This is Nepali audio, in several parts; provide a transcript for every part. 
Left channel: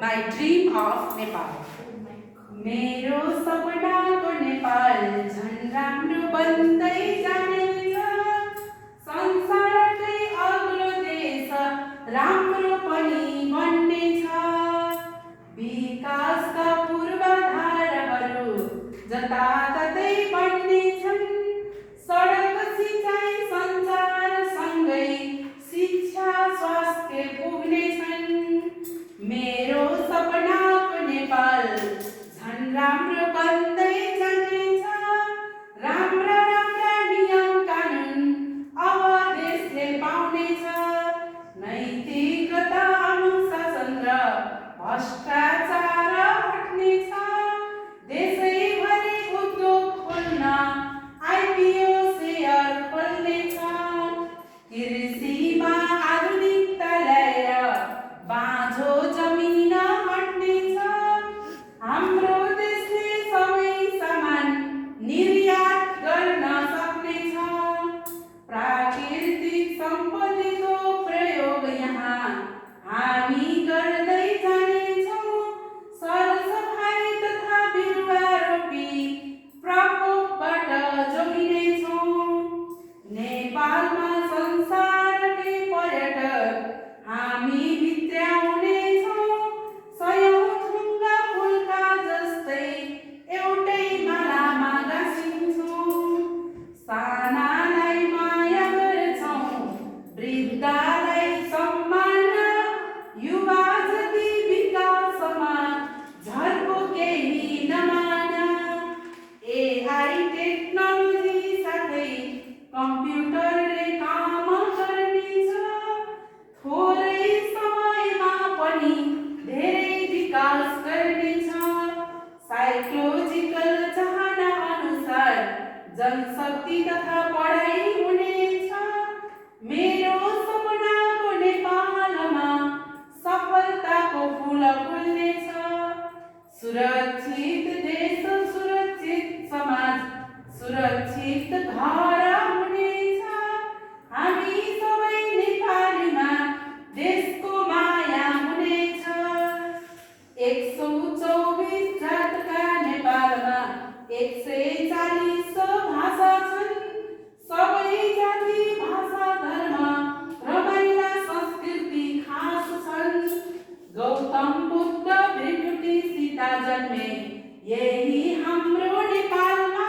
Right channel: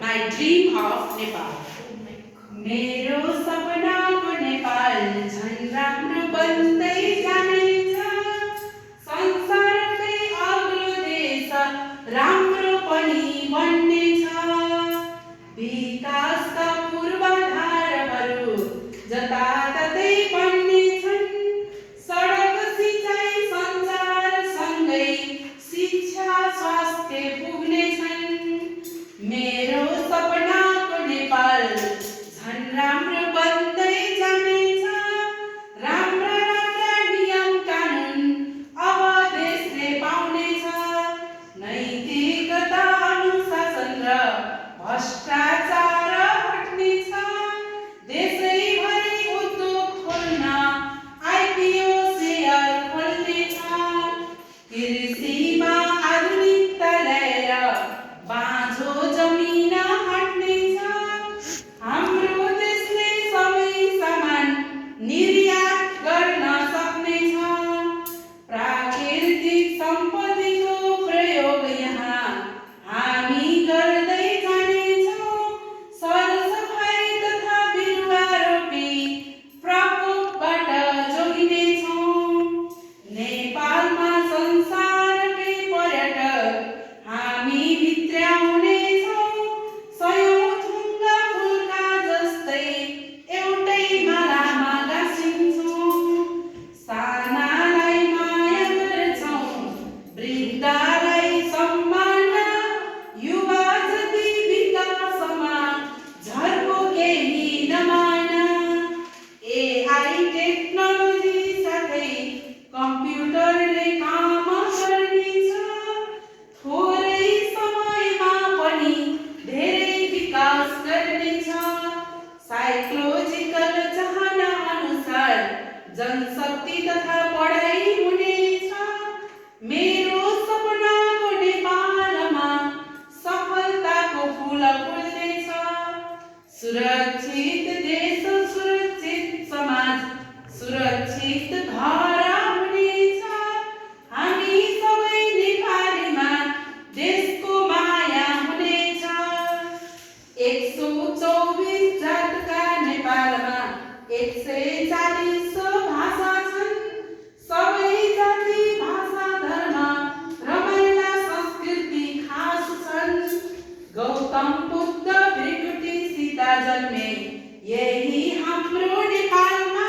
my dream of Nepal. मेरो सपनाको नेपाल झन् राम्रो बन्दै जानेछ, संसारकै अग्लो देश राम्रो पनि बन्नेछ। विकासका पूर्वाधारहरू जताततै बन्नेछन्, सडक सिँचाइ सञ्चार सँगै शिक्षा स्वास्थ्य पुग्नेछन्। मेरो सपनाको नेपाल झन् राम्रो बन्दै जानेछ, राम्रा राम्रा नियम कानुन अब देशले पाउनेछ। नैतिकता अनुशासन र भ्रष्टाचार हट्नेछ, देशैभरि उद्योग खोल्न आइपिओ सेयर खोल्नेछ। कृषिमा आधुनिकता ल्याएर बाँझो जमिन हट्नेछ, हाम्रो देशले सबै सामान निर्यात गर्न सक्नेछ। प्राकृतिक सम्पत्तिको प्रयोग यहाँ हामी गर्दै जानेछौँ, सरसफाइ तथा बिरुवा रोपी प्रकोपबाट जोगिनेछौँ। नेपालमा संसारकै पर्यटक हामी भित्र्याउनेछौँ, सयौँ थुङ्गा फुलका जस्तै एउटै मालामा गाँसिन्छौँ। सानालाई माया गर्छौँ, वृद्धलाई सम्मान, युवा जति विकासमा झर्को केही नमान। एआई टेक्नोलोजी साथै कम्प्युटरले काम गर्नेछ, थोरै समयमा पनि धेरै विकास गर्नेछ। साइकोलोजिकल चाहना अनुसार जनशक्ति तथा पढाइ हुनेछ। मेरो सपनाको नेपालमा सफलताको फूल फुल्नेछ। सुरक्षित देश, सुरक्षित समाज, सुरक्षित घर हुनेछ। हामी सबै नेपालीमा देशको माया हुनेछ। 124 जातका नेपालमा 140 भाषा छन्, सबै जाति भाषा धर्म रमाइला संस्कृति खास छन्। गौतम बुद्ध भृगुटी सीता जन्मे यही हाम्रो नेपालमा,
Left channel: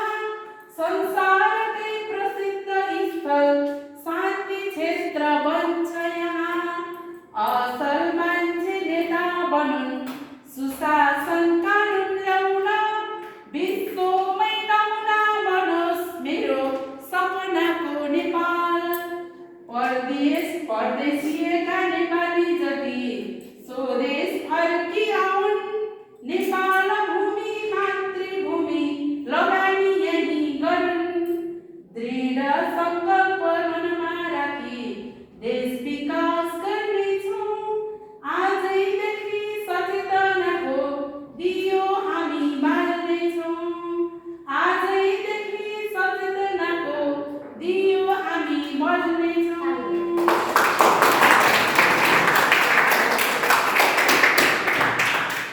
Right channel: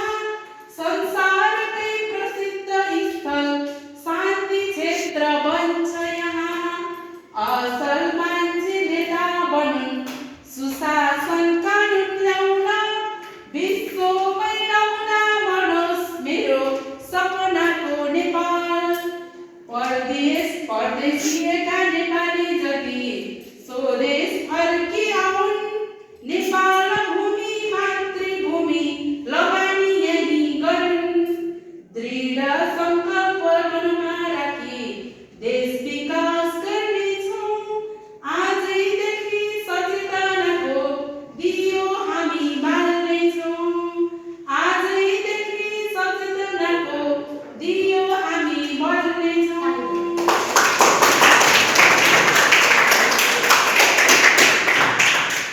संसारकै प्रसिद्ध स्थल शान्ति क्षेत्र बन्छ यहाँ। असल मान्छे नेता बनुन्, सुशासन कानुन ल्याउन, विश्वमै नमुना बनोस् मेरो सपनाको नेपाल। परदेश परदेशीय